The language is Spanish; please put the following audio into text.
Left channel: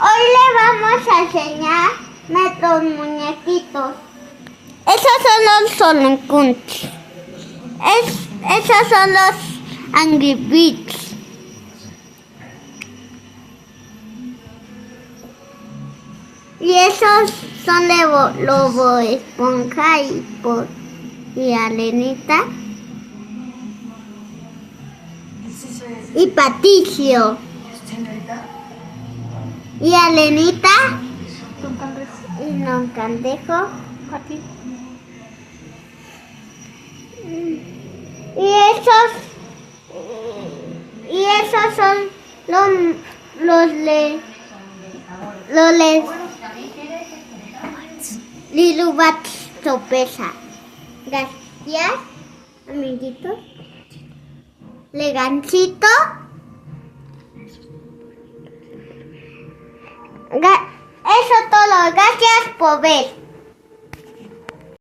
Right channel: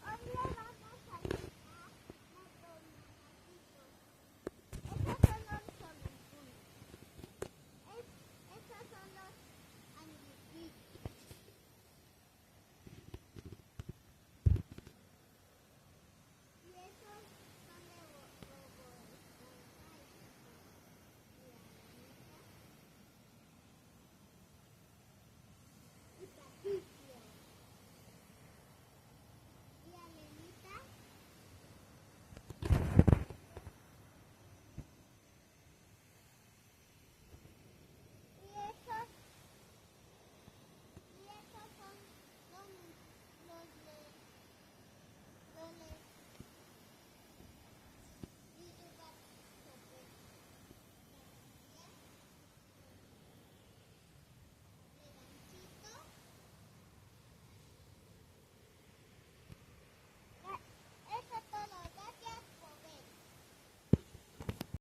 Hoy le vamos a enseñar nuestros muñequitos. Esos son los Sonic. Esos son los Angry Birds. Y esos son de Lobo Esponja y Alenita. Y Patricio. Y Alenita. Y Don Candejo. Y esos son los Lilubats Sopesa. Gracias, amiguitos. Legancito. Eso todo. Gracias por ver.